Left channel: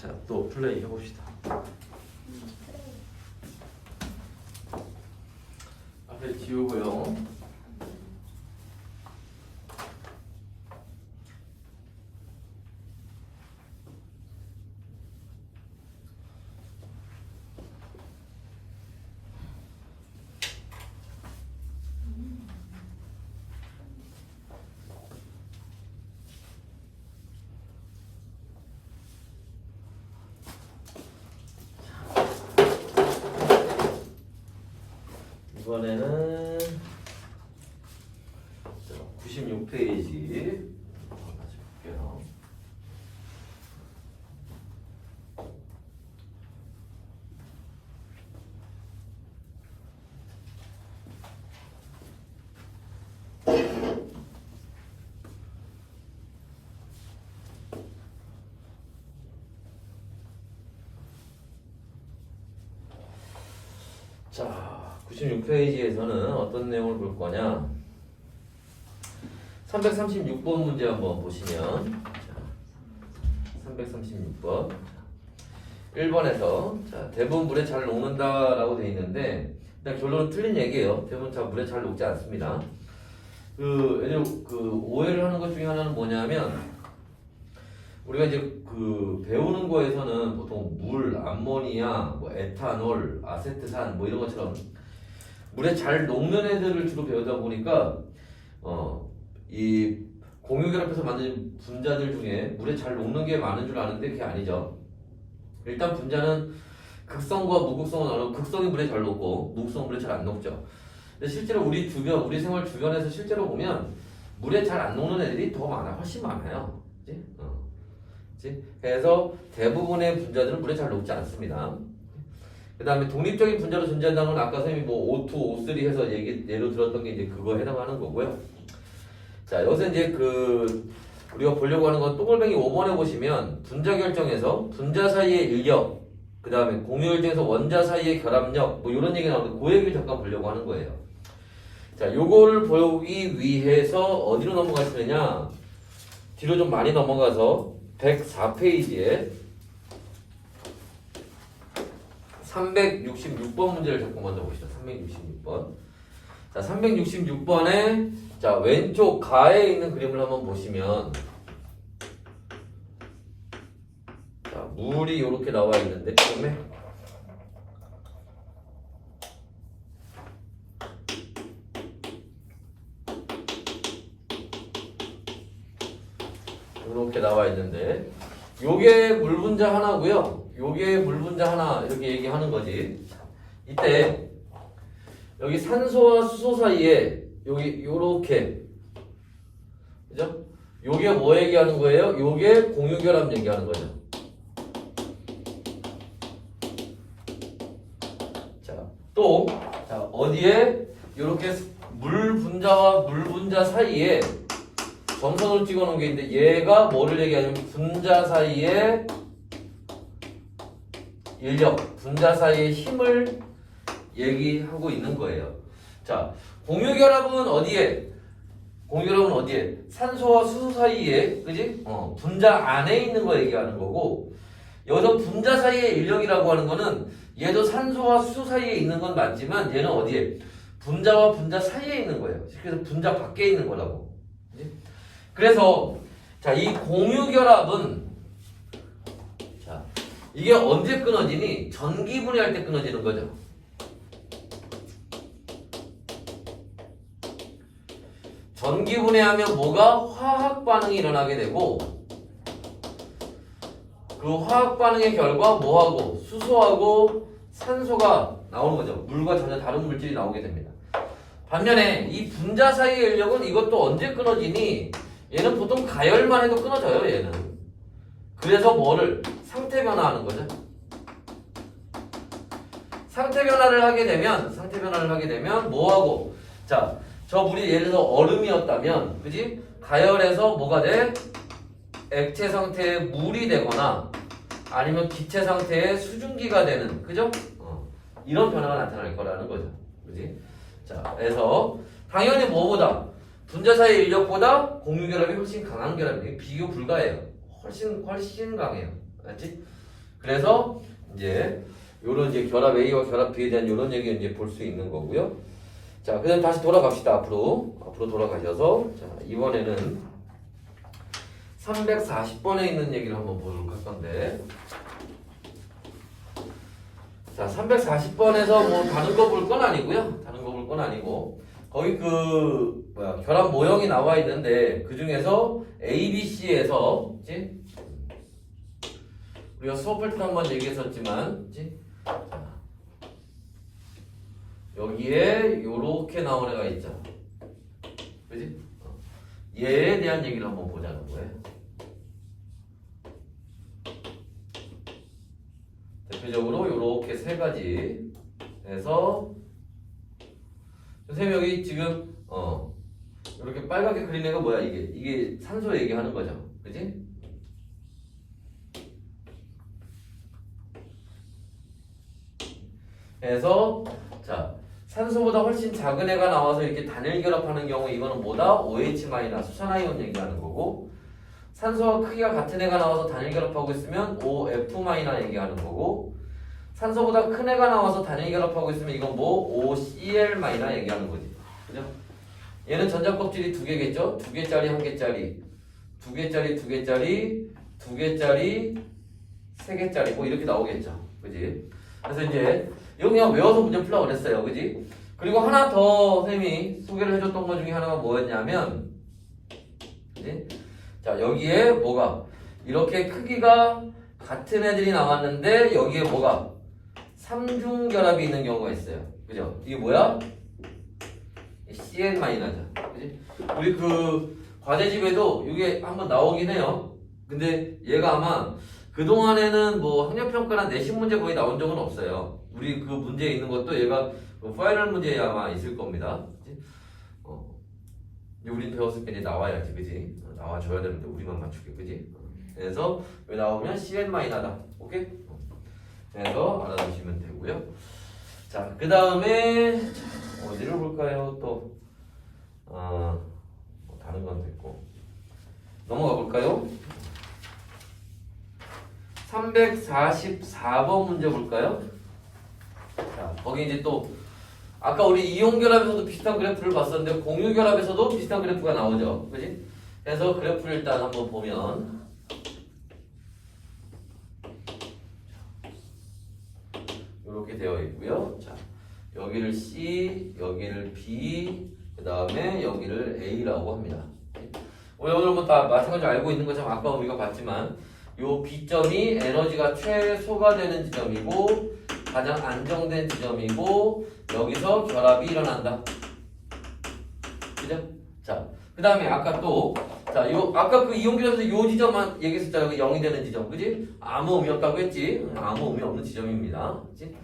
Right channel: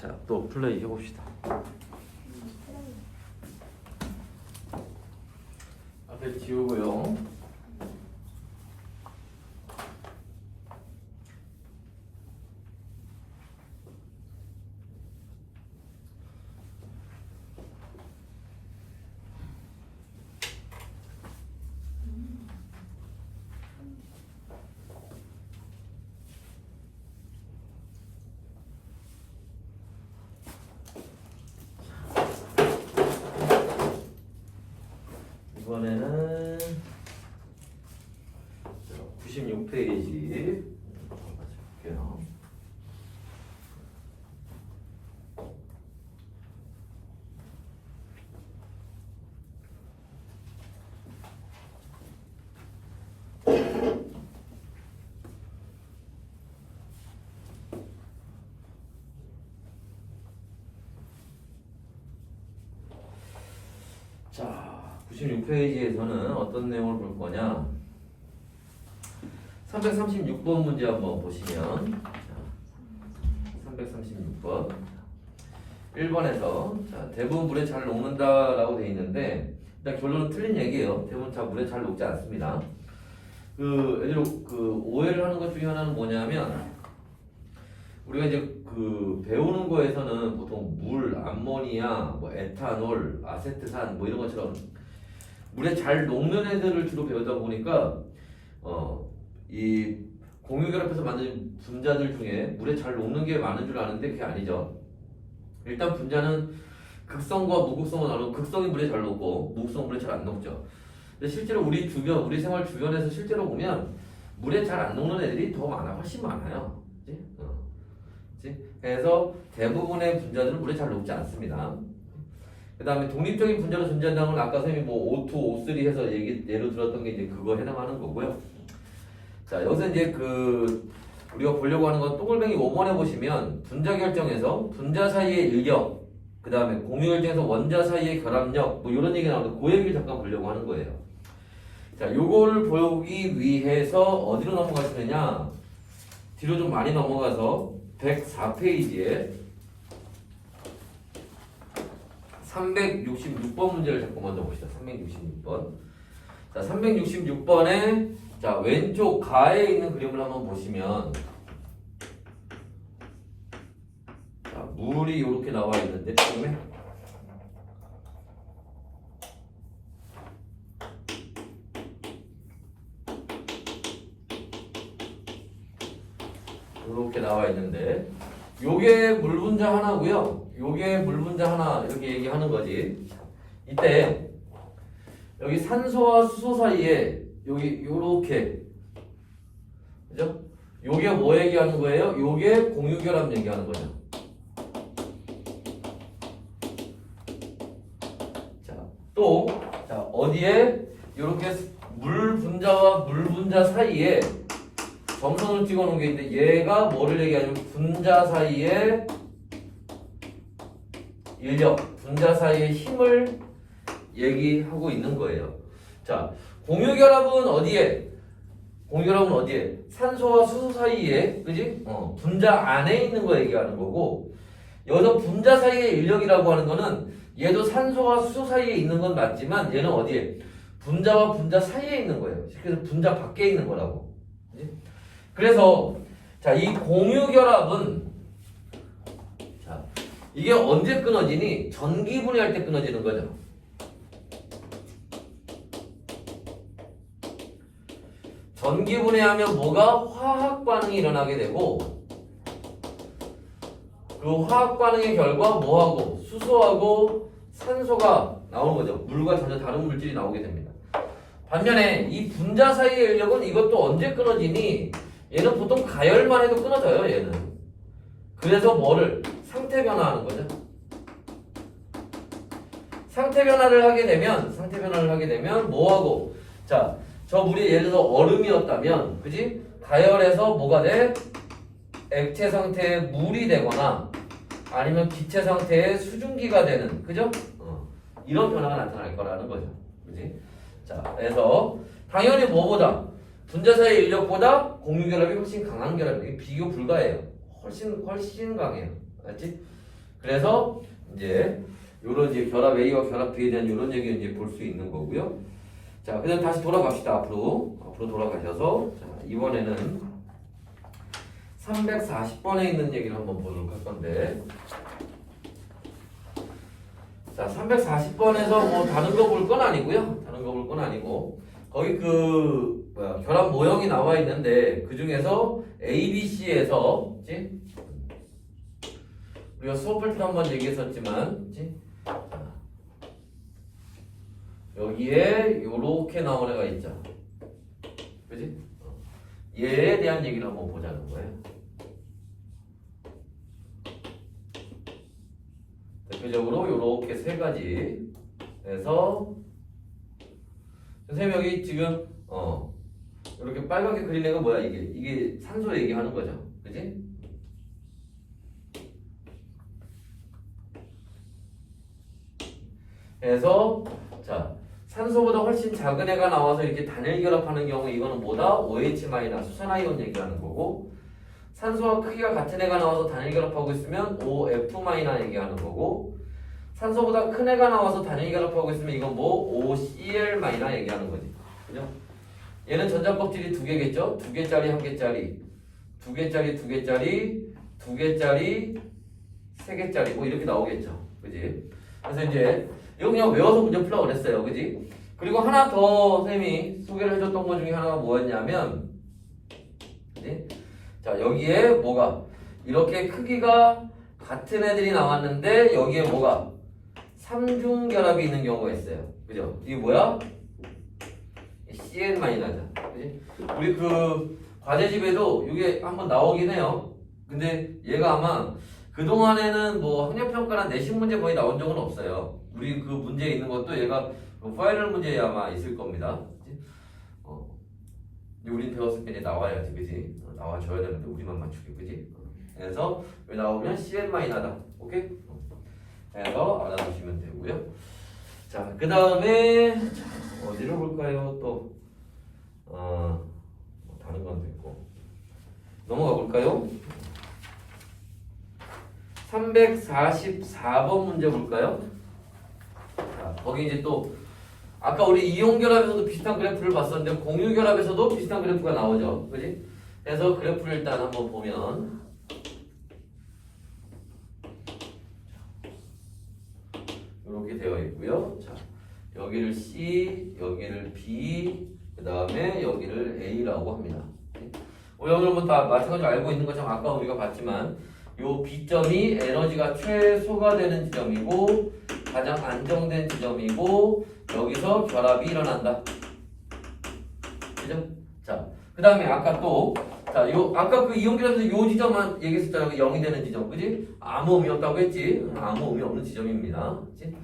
자, 또 플레이 해봅시다. 앞에 지우고요. 이번에는 96페이지 볼게요. 자, 96페이지에서는 어떤 내용을 볼 거냐? 336번 문제 한번 보시면, 자, 336번 1번에서 자, 대부분 물에 잘 녹는다라고 되어 있는데 일단 결론은 틀린 얘기예요. 대부분 다 물에 잘 녹지 않습니다. 오해를 하는 것 중에 하나는 뭐냐면 우리가 이제 배우는 거에서는 보통 물, 암모니아, 뭐 에탄올, 아세트산 뭐 이런 것처럼 물에 잘 녹는 애들을 주로 배우다 보니까 이 공유결합해서 만든 분자들 중에 물에 잘 녹는 게 많은 줄 아는데 그게 아니죠. 일단 분자는 극성과 무극성은 나누고 극성이 물에 잘 녹고 무극성은 물에 잘 안 녹죠. 근데 실제로 우리 주변, 우리 생활 주변에서 실제로 보면 물에 잘 안 녹는 애들이 더 많아, 훨씬 많아요. 그치? 그래서 대부분의 분자들은 물에 잘 녹지 않습니다. 그 다음에 독립적인 분자로 존재한다는 건 아까 선생님이 뭐 O2, O3 해서 예로 들었던 게 이제 그거 해당하는 거고요. 자, 여기서 이제 우리가 보려고 하는 건 동글뱅이 5번에 보시면 분자 결정에서 분자 사이의 인력, 그 다음에 공유 결정에서 원자 사이의 결합력, 뭐 이런 얘기 나오는데 그 얘기를 잠깐 보려고 하는 거예요. 자, 요거를 보기 위해서 어디로 넘어가시느냐? 뒤로 좀 많이 넘어가서 104페이지에 366번 문제를 잠깐 먼저 봅시다. 366번. 자, 366번에 자, 왼쪽 가에 있는 그림을 한번 보시면 자, 물이 이렇게 나와 있는데 처음에 이렇게 나와 있는데 요게 물 분자 하나고요. 요게 물 분자 하나 이렇게 얘기하는 거지. 이때 여기 산소와 수소 사이에 여기 요렇게 그죠? 요게 뭐 얘기하는 거예요? 요게 공유결합 얘기하는 거죠. 자, 또 자, 어디에 요렇게 물 분자와 물 분자 사이에 점선을 찍어 놓은 게 있는데 얘가 뭐를 얘기하냐면 분자 사이의 인력, 분자 사이의 힘을 얘기하고 있는 거예요. 자, 공유결합은 어디에? 공유결합은 어디에? 산소와 수소 사이에, 그지? 분자 안에 있는 거 얘기하는 거고, 여기서 분자 사이의 인력이라고 하는 거는 얘도 산소와 수소 사이에 있는 건 맞지만 얘는 어디에? 분자와 분자 사이에 있는 거예요. 그래서 분자 밖에 있는 거라고. 그지? 그래서 자, 이 공유결합은 자, 이게 언제 끊어지니? 전기분해할 때 끊어지는 거죠. 전기분해하면 뭐가? 화학 반응이 일어나게 되고 그 화학 반응의 결과 뭐하고? 수소하고 산소가 나오는 거죠. 물과 전혀 다른 물질이 나오게 됩니다. 반면에 이 분자 사이의 인력은 이것도 언제 끊어지니? 얘는 보통 가열만 해도 끊어져요. 얘는. 그래서 뭐를? 상태 변화하는 거죠. 상태 변화를 하게 되면 뭐하고? 자, 저 물이 예를 들어 얼음이었다면, 그지? 가열해서 뭐가 돼? 액체 상태의 물이 되거나 아니면 기체 상태의 수증기가 되는, 그죠? 이런 변화가 나타날 거라는 거죠. 그지? 자, 그래서 당연히 뭐보다? 분자 사이의 인력보다 공유결합이 훨씬 강한 결합이에요. 비교 불가해요. 훨씬 강해요. 알지? 그래서 이제 요런 이제 결합 A와 결합 B에 대한 요런 얘기를 이제 볼 수 있는 거고요. 자, 그다음 다시 돌아갑시다. 앞으로 돌아가셔서 자, 이번에는 340번에 있는 얘기를 한번 보도록 할 건데, 자, 340번에서 뭐 다른 거 볼 건 아니고요. 다른 거 볼 건 아니고 거기 그 결합 모형이 나와 있는데 그 중에서 A, B, C에서 그치? 우리가 수업할 때 한번 얘기했었지만 그치? 자, 여기에 요렇게 나온 애가 있죠. 그지? 얘에 대한 얘기를 한번 보자는 거예요. 대표적으로 요렇게 세 가지에서 선생님 여기 지금 이렇게 빨갛게 그린 애가 뭐야? 이게 산소 얘기하는 거죠, 그지? 그래서 자, 산소보다 훨씬 작은 애가 나와서 이렇게 단일 결합하는 경우 이거는 뭐다? OH- 수산화이온 얘기하는 거고, 산소와 크기가 같은 애가 나와서 단일 결합하고 있으면 OF- 얘기하는 거고, 산소보다 큰 애가 나와서 단일 결합하고 있으면 이건 뭐 OCl- 얘기하는 거지. 그죠? 얘는 전자 껍질이 두 개겠죠? 두 개짜리, 한 개짜리, 두 개짜리, 두 개짜리, 두 개짜리, 세 개짜리, 뭐 이렇게 나오겠죠. 그지? 그래서 이제 이거 그냥 외워서 문제 풀라고 그랬어요. 그지? 그리고 하나 더 선생님이 소개를 해줬던 것 중에 하나가 뭐였냐면, 그지? 자, 여기에 뭐가 이렇게 크기가 같은 애들이 나왔는데 여기에 뭐가 삼중 결합이 있는 경우가 있어요. 그죠? 이게 뭐야? CN-죠. 그지? 우리 그 과제집에도 이게 한번 나오긴 해요. 근데 얘가 아마 그동안에는 뭐 학력평가나 내신 문제 거의 나온 적은 없어요. 우리 그 문제에 있는 것도 얘가 파이널 문제에 아마 있을 겁니다. 그치? 우린 배웠을 때 이제 나와야지, 그지? 나와줘야 되는데 우리만 맞추게, 그지? 그래서 왜 나오면 CN-다. 오케이? 그래서 알아두시면 되고요. 자, 그 다음에 어디를 볼까요? 또 다른 건 됐고 넘어가 볼까요? 344번 문제 볼까요? 자, 거기 이제 또 아까 우리 이온결합에서도 비슷한 그래프를 봤었는데 공유결합에서도 비슷한 그래프가 나오죠. 그지? 그래서 그래프를 일단 한번 보면 이렇게 되어 있고요. 자, 여기를 C, 여기를 B, 그 다음에 여기를 A라고 합니다. 오늘 뭐 다 마찬가지로 알고 있는 것처럼 아까 우리가 봤지만 요 B점이 에너지가 최소가 되는 지점이고 가장 안정된 지점이고 여기서 결합이 일어난다. 그죠? 자, 그 다음에 아까 또 자, 아까 그 이온결합에서 요 지점만 얘기했었잖아요. 0이 되는 지점. 그지? 아무 의미 없다고 했지? 아무 의미 없는 지점입니다. 그지?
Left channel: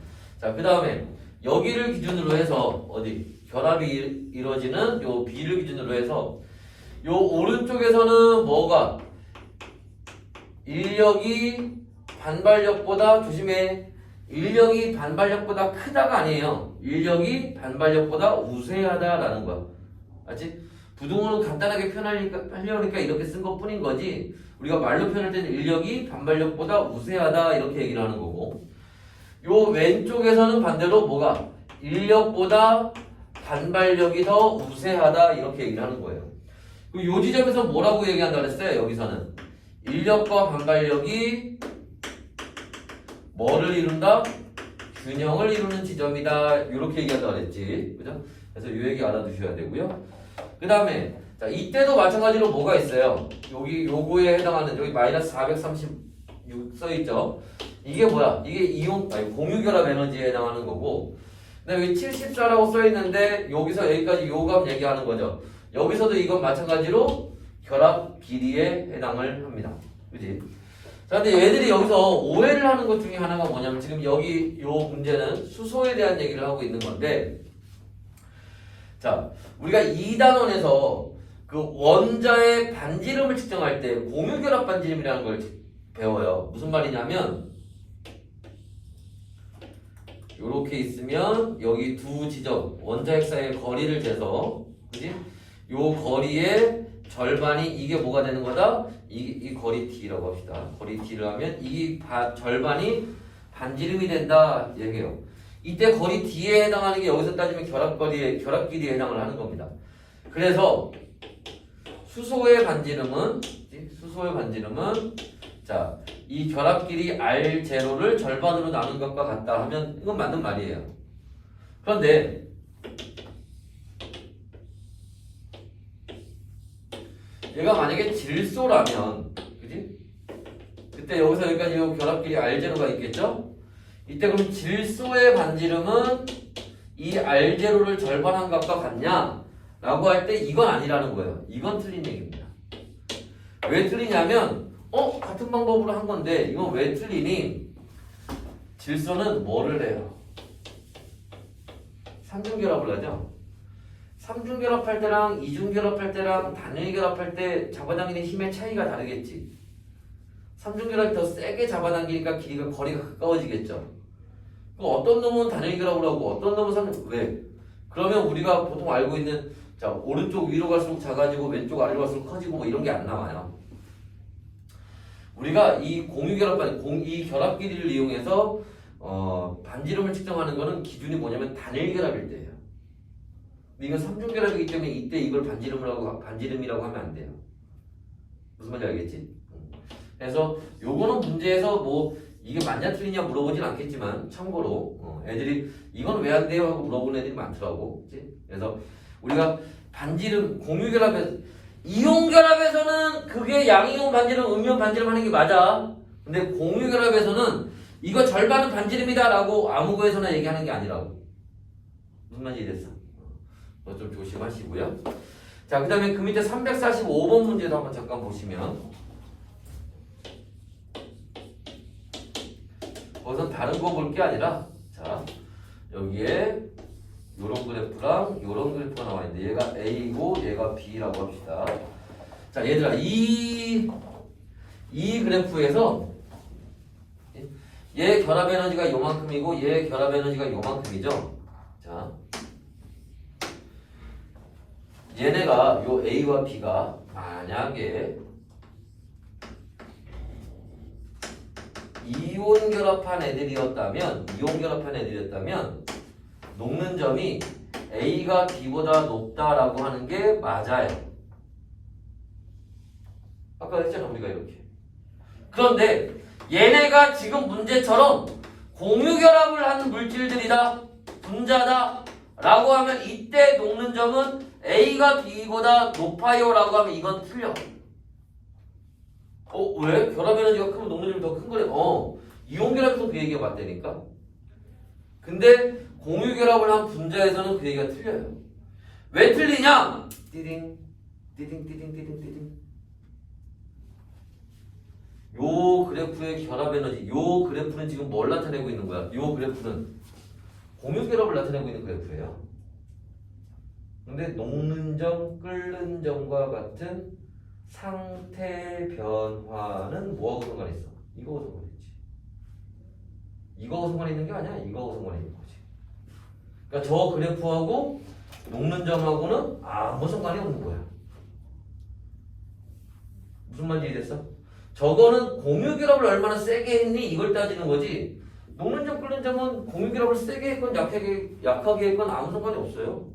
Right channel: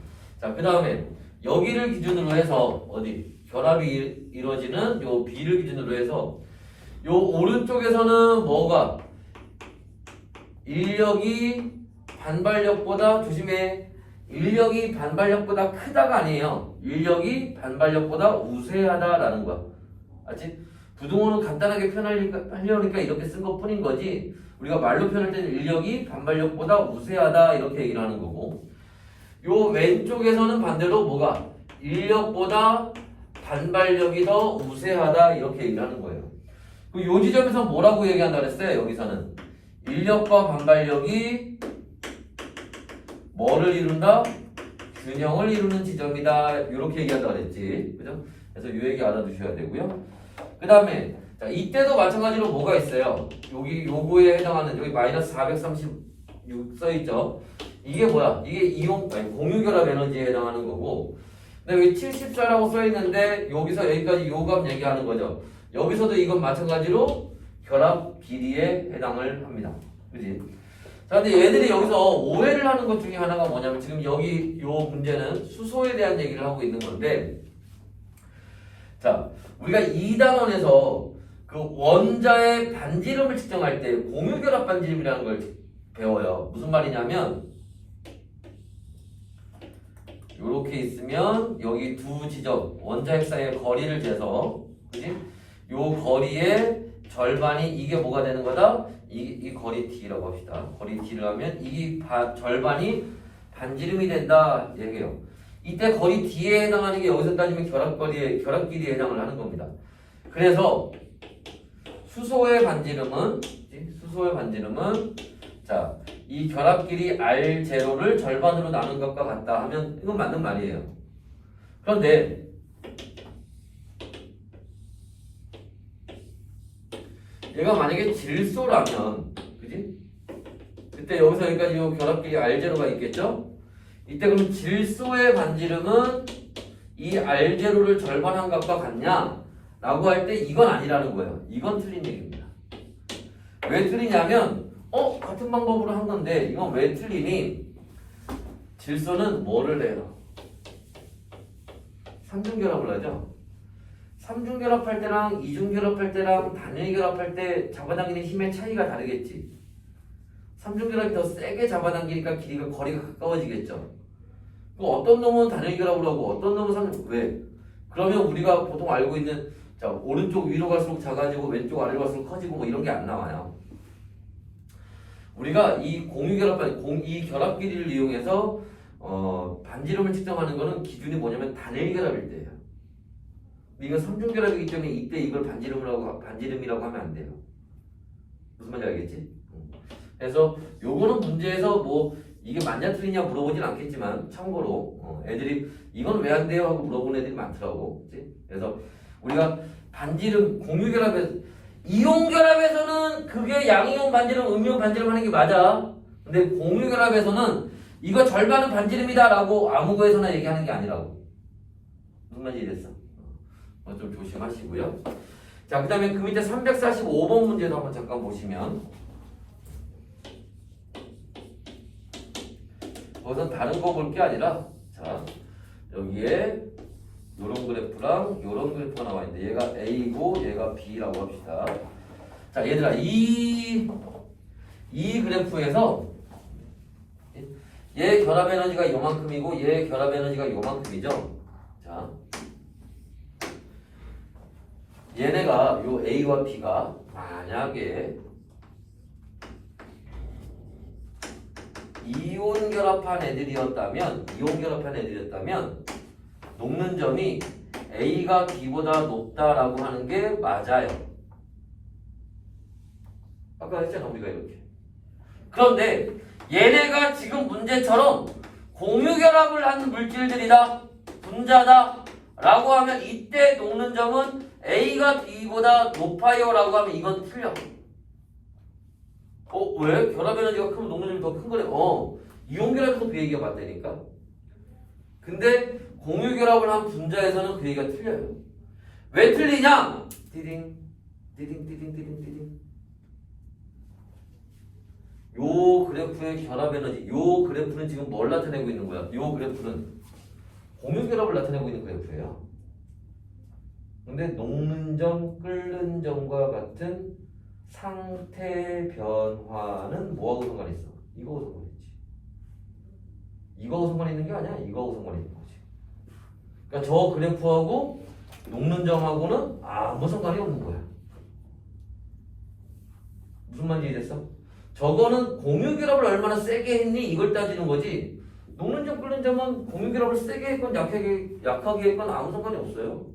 자, 그 다음에 여기를 기준으로 해서 어디? 결합이 이루어지는 요 B를 기준으로 해서 요 오른쪽에서는 뭐가? 인력이 반발력보다 조심해. 인력이 반발력보다 크다가 아니에요. 인력이 반발력보다 우세하다라는 거야. 알지? 부등호는 간단하게 표현하려니까 이렇게 쓴 것 뿐인 거지. 우리가 말로 표현할 때는 인력이 반발력보다 우세하다 이렇게 얘기를 하는 거고. 요 왼쪽에서는 반대로 뭐가? 인력보다 반발력이 더 우세하다 이렇게 얘기를 하는 거예요. 요 지점에서 뭐라고 얘기한다 그랬어요? 여기서는 인력과 반발력이 뭐를 이룬다? 균형을 이루는 지점이다. 이렇게 얘기한다 그랬지. 그죠? 그래서 이 얘기 알아두셔야 되고요. 그 다음에 자, 이때도 마찬가지로 뭐가 있어요? 여기 요거에 해당하는 여기 마이너스 436 써있죠? 이게 뭐야? 이게 공유결합 에너지에 해당하는 거고, 근데 여기 74라고 써있는데 여기서 여기까지 요값 얘기하는 거죠. 여기서도 이건 마찬가지로 결합 길이에 해당을 합니다. 그지? 자, 근데 얘들이 여기서 오해를 하는 것 중에 하나가 뭐냐면 지금 여기 요 문제는 수소에 대한 얘기를 하고 있는 건데, 자, 우리가 2단원에서 그 원자의 반지름을 측정할 때 공유결합 반지름이라는 걸 배워요. 무슨 말이냐면 요렇게 있으면 여기 두 지점 원자 핵 사이의 거리를 재서, 그지? 요 거리에 절반이 이게 뭐가 되는 거다? 이 거리 D라고 합시다. 거리 D를 하면 이 절반이 반지름이 된다 얘기해요. 이때 거리 D에 해당하는 게 여기서 따지면 결합 길이에 해당을 하는 겁니다. 그래서 수소의 반지름은 자, 이 결합 길이 R0를 절반으로 나눈 것과 같다 하면 이건 맞는 말이에요. 그런데 얘가 만약에 질소라면, 그지? 그때 여기서 여기까지 이 결합 길이 R0가 있겠죠? 이때 그럼 질소의 반지름은 이 R0를 절반한 것과 같냐? 라고 할 때 이건 아니라는 거예요. 이건 틀린 얘기입니다. 왜 틀리냐면 같은 방법으로 한 건데 이건 왜 틀리니? 질소는 뭐를 해요? 삼중결합을 하죠. 삼중결합할 때랑 이중결합할 때랑 단일 결합할 때 잡아당기는 힘의 차이가 다르겠지. 삼중결합이 더 세게 잡아당기니까 거리가 가까워지겠죠. 어떤 놈은 단일 결합을 하고 어떤 놈은 왜? 그러면 우리가 보통 알고 있는 자, 오른쪽 위로 갈수록 작아지고 왼쪽 아래로 갈수록 커지고 뭐 이런 게 안 나와요. 우리가 이 이 결합 길이를 이용해서 반지름을 측정하는 거는 기준이 뭐냐면 단일 결합일 때예요. 이건 삼중 결합이기 때문에 이때 이걸 반지름이라고 하면 안 돼요. 무슨 말인지 알겠지? 그래서 요거는 문제에서 뭐 이게 맞냐 틀리냐 물어보진 않겠지만 참고로 애들이 이건 왜 안 돼요 하고 물어보는 애들이 많더라고. 그치? 그래서 우리가 반지름 공유결합에서 이온결합에서는 그게 양이온 반지름 음이온 반지름 하는 게 맞아. 근데 공유결합에서는 이거 절반은 반지름이다 라고 아무 거에서나 얘기하는 게 아니라고. 무슨 말인지 이해됐어? 좀 조심하시고요. 자, 그 다음에 그 밑에 345번 문제도 한번 잠깐 보시면 거기서 다른 거 볼 게 아니라 자, 여기에 요런 그래프랑 요런 그래프가 나와 있는데 얘가 A고 얘가 B라고 합시다. 자, 얘들아 이 그래프에서 얘 결합 에너지가 요만큼이고 얘 결합 에너지가 요만큼이죠. 자, 얘네가 요 A와 B가 만약에 이온 결합한 애들이었다면 녹는 점이 A가 B보다 높다라고 하는 게 맞아요. 아까 했잖아 우리가 이렇게. 그런데 얘네가 지금 문제처럼 공유결합을 하는 물질들이다, 분자다 라고 하면 이때 녹는 점은 A가 B보다 높아요 라고 하면 이건 틀려. 왜? 결합 에너지가 크면 녹는 점이 더 큰 거네. 이온 결합에서 그 얘기가 맞다니까. 근데 공유 결합을 한 분자에서는 그 얘기가 틀려요. 왜 틀리냐? 띠딩 띠딩 띠딩 띠딩 띠딩. 요 그래프의 결합 에너지, 요 그래프는 지금 뭘 나타내고 있는 거야? 요 그래프는 공유 결합을 나타내고 있는 그래프예요. 근데 녹는 점, 끓는 점과 같은 상태 변화는 뭐하고 상관이 있어? 이거하고 상관이 있지. 이거하고 상관이 있는 게 아니야. 이거하고 상관이 있는 거지. 그러니까 저 그래프하고 녹는 점하고는 아무 상관이 없는 거야. 무슨 말인지 이해됐어? 저거는 공유결합을 얼마나 세게 했니? 이걸 따지는 거지. 녹는 점, 끓는 점은 공유결합을 세게 했건 약하게 했건 아무 상관이 없어요.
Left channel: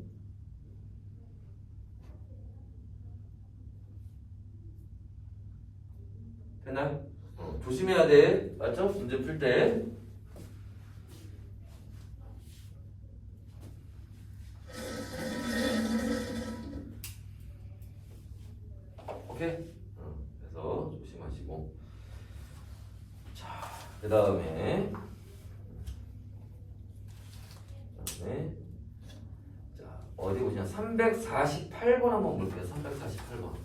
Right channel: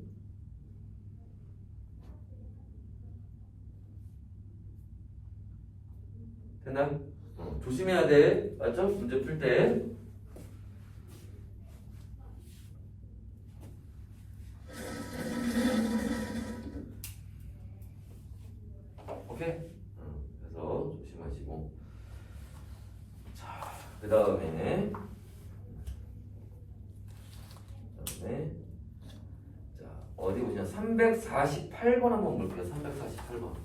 됐나요? 조심해야 돼. 맞죠? 문제 풀 때. 오케이? 그래서 조심하시고. 자, 그 다음에 자, 어디 보시면 348번 한번 볼게요. 348번.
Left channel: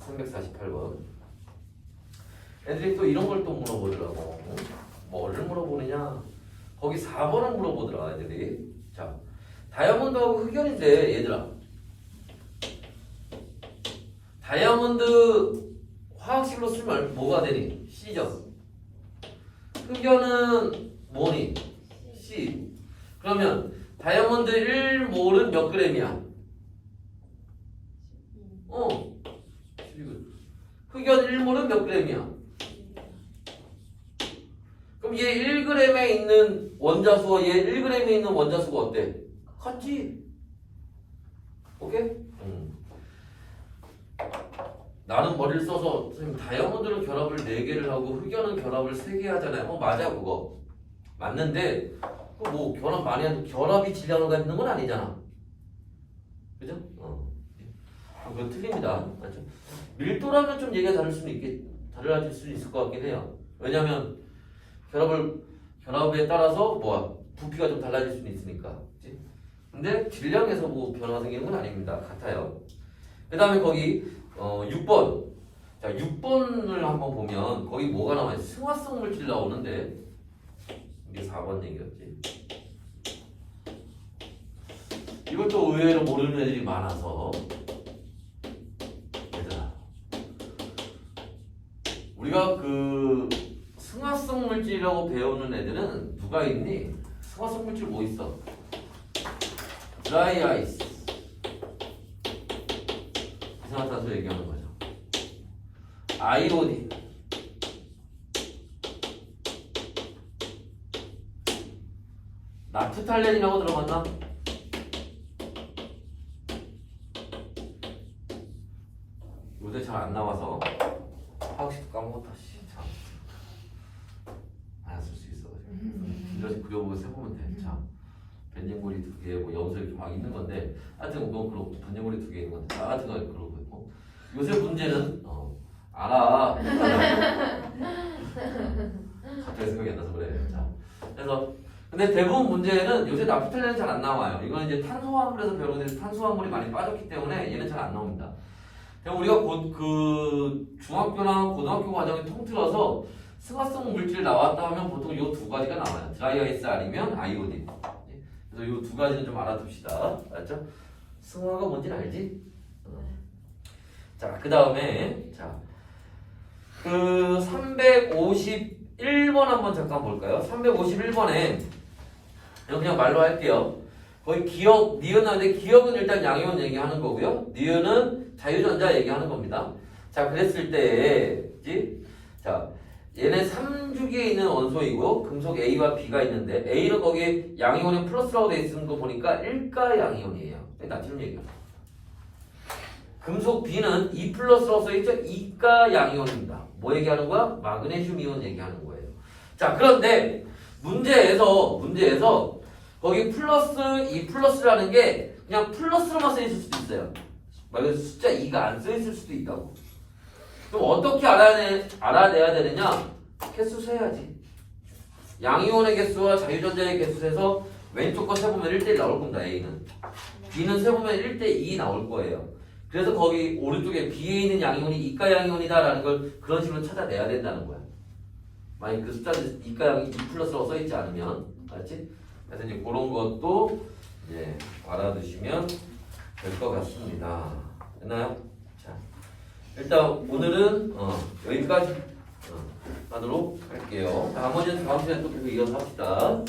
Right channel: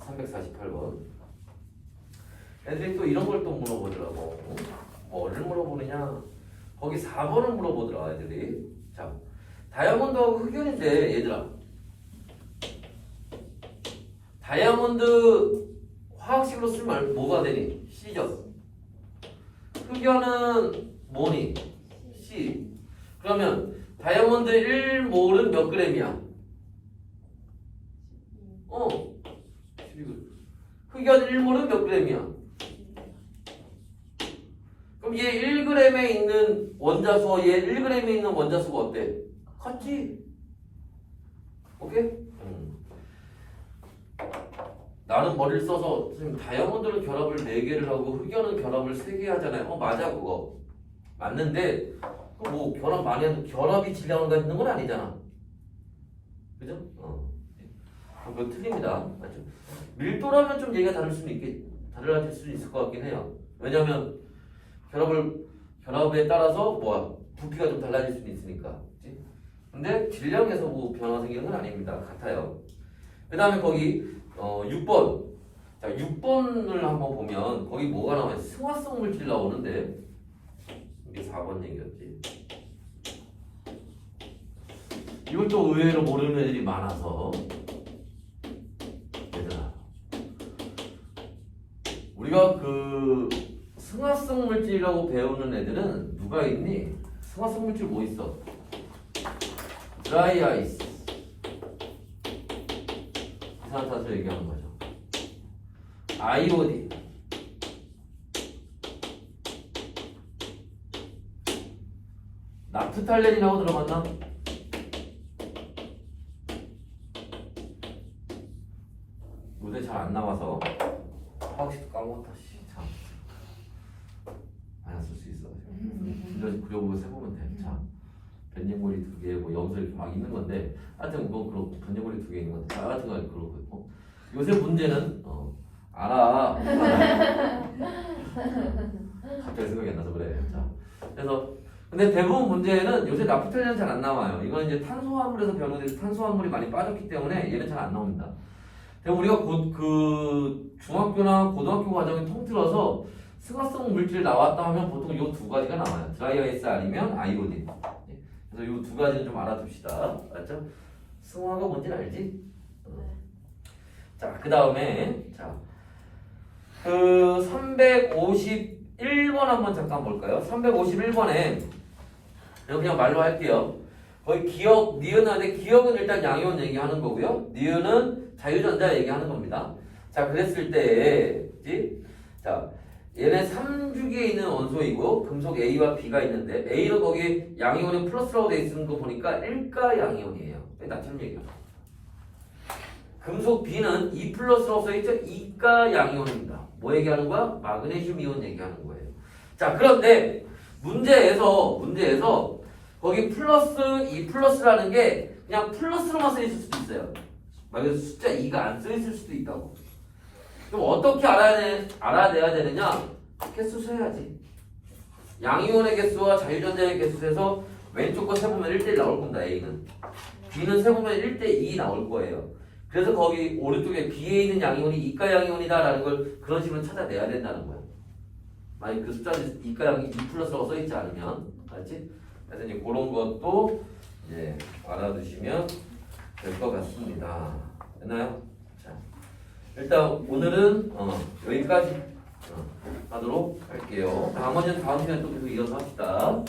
348번. 애들이 또 이런 걸 또 물어보더라고. 뭐를 물어보느냐? 거기 4번을 물어보더라 애들이. 자, 다이아몬드하고 흑연인데 얘들아, 다이아몬드 화학식으로 쓰면 뭐가 되니? C죠. 흑연은 뭐니? C. 그러면 다이아몬드 1몰은 몇 그램이야? 흑연 1몰은 몇 g이야? 그럼 얘 1g에 있는 원자수와 얘 1g에 있는 원자수가 어때? 같지? 오케이? 나는 머리를 써서 선생님 다이아몬드는 결합을 4개를 하고 흑연은 결합을 3개 하잖아요. 맞아 그거 맞는데 뭐 결합 많이 해도 결합이 질량을 갖는 건 아니잖아. 그죠? 그거 틀립니다. 맞죠? 밀도라면 좀 얘기가 달라질 수 있을 것 같긴 해요. 왜냐면 결합에 따라서 뭐 부피가 좀 달라질 수는 있으니까. 그치? 근데 질량에서 뭐 변화 생기는 건 아닙니다. 같아요. 그 다음에 거기 6번. 자, 6번을 한번 보면 거기 뭐가 나와요? 승화성 물질 나오는데 이게 4번 얘기였지. 이걸 또 의외로 모르는 애들이 많아서 얘들아 우리가 그 승화성 물질이라고 배우는 애들은 누가 있니? 승화성 물질 뭐 있어? 드라이 아이스 이산화탄소 얘기하는 거죠. 아이오딘 나프탈렌이라고 들어봤나? 요새 잘 안 나와서 하고 싶도 까먹었다. 참. 안 쓸 수 있어. 이거 그려보고 세보면 돼. 자, 벤딩고리 2개, 뭐 여기서 이렇게 막 있는 건데, 하여튼 뭐 그렇고 벤딩고리 2개 있는 건데, 자, 하여튼 그렇고 있고. 요새 문제는 알아. 갑자기 생각이 안 나서 그래. 자, 그래서 근데 대부분 문제는 요새 나프탈렌은 잘 안 나와요. 이건 이제 탄소화물에서 배우는 탄소화물이 많이 빠졌기 때문에 얘는 잘 안 나옵니다. 우리가 곧 그 중학교나 고등학교 과정을 통틀어서 승화성 물질 나왔다 하면 보통 이 두 가지가 나와요. 드라이 아이스 아니면 아이오딘. 그래서 이 두 가지는 좀 알아둡시다. 알죠? 승화가 뭔지는 알지? 자, 그 다음에 그 351번 한번 잠깐 볼까요? 351번에 그냥 말로 할게요. 거의 기억, 니은인데 기억은 일단 양이온 얘기하는 거고요. 니은은 자유전자 얘기하는 겁니다. 자, 그랬을 때, 자, 얘네 3주기에 있는 원소이고 금속 A와 B가 있는데 A는 거기 양이온이 플러스라고 돼 있는 거 보니까 1가 양이온이에요. 나처럼 얘기해요. 금속 B는 2 플러스라고 써있죠? 2가 양이온입니다. 뭐 얘기하는 거야? 마그네슘 이온 얘기하는 거예요. 자, 그런데 문제에서 거기 플러스 2 플러스라는 게 그냥 플러스로만 써있을 수도 있어요. 그래서 숫자 2가 안 써있을 수도 있다고. 그럼 어떻게 알아내야 되느냐? 개수 세야지. 양이온의 개수와 자유전자의 개수에서 왼쪽 거 세보면 1대1 나올 겁니다. A는. B는 세보면 1대2 나올 거예요. 그래서 거기 오른쪽에 B에 있는 양이온이 이가 양이온이다라는 걸 그런 식으로 찾아내야 된다는 거야. 만약 그 숫자를 이가 양이 2 플러스라고 써있지 않으면, 알았지? 그래서 이제 그런 것도 이제 알아두시면 될 것 같습니다. 됐나요? 자, 일단 오늘은 여기까지 하도록 할게요. 나머지는 다음 시간에 또 계속 이어서 합시다.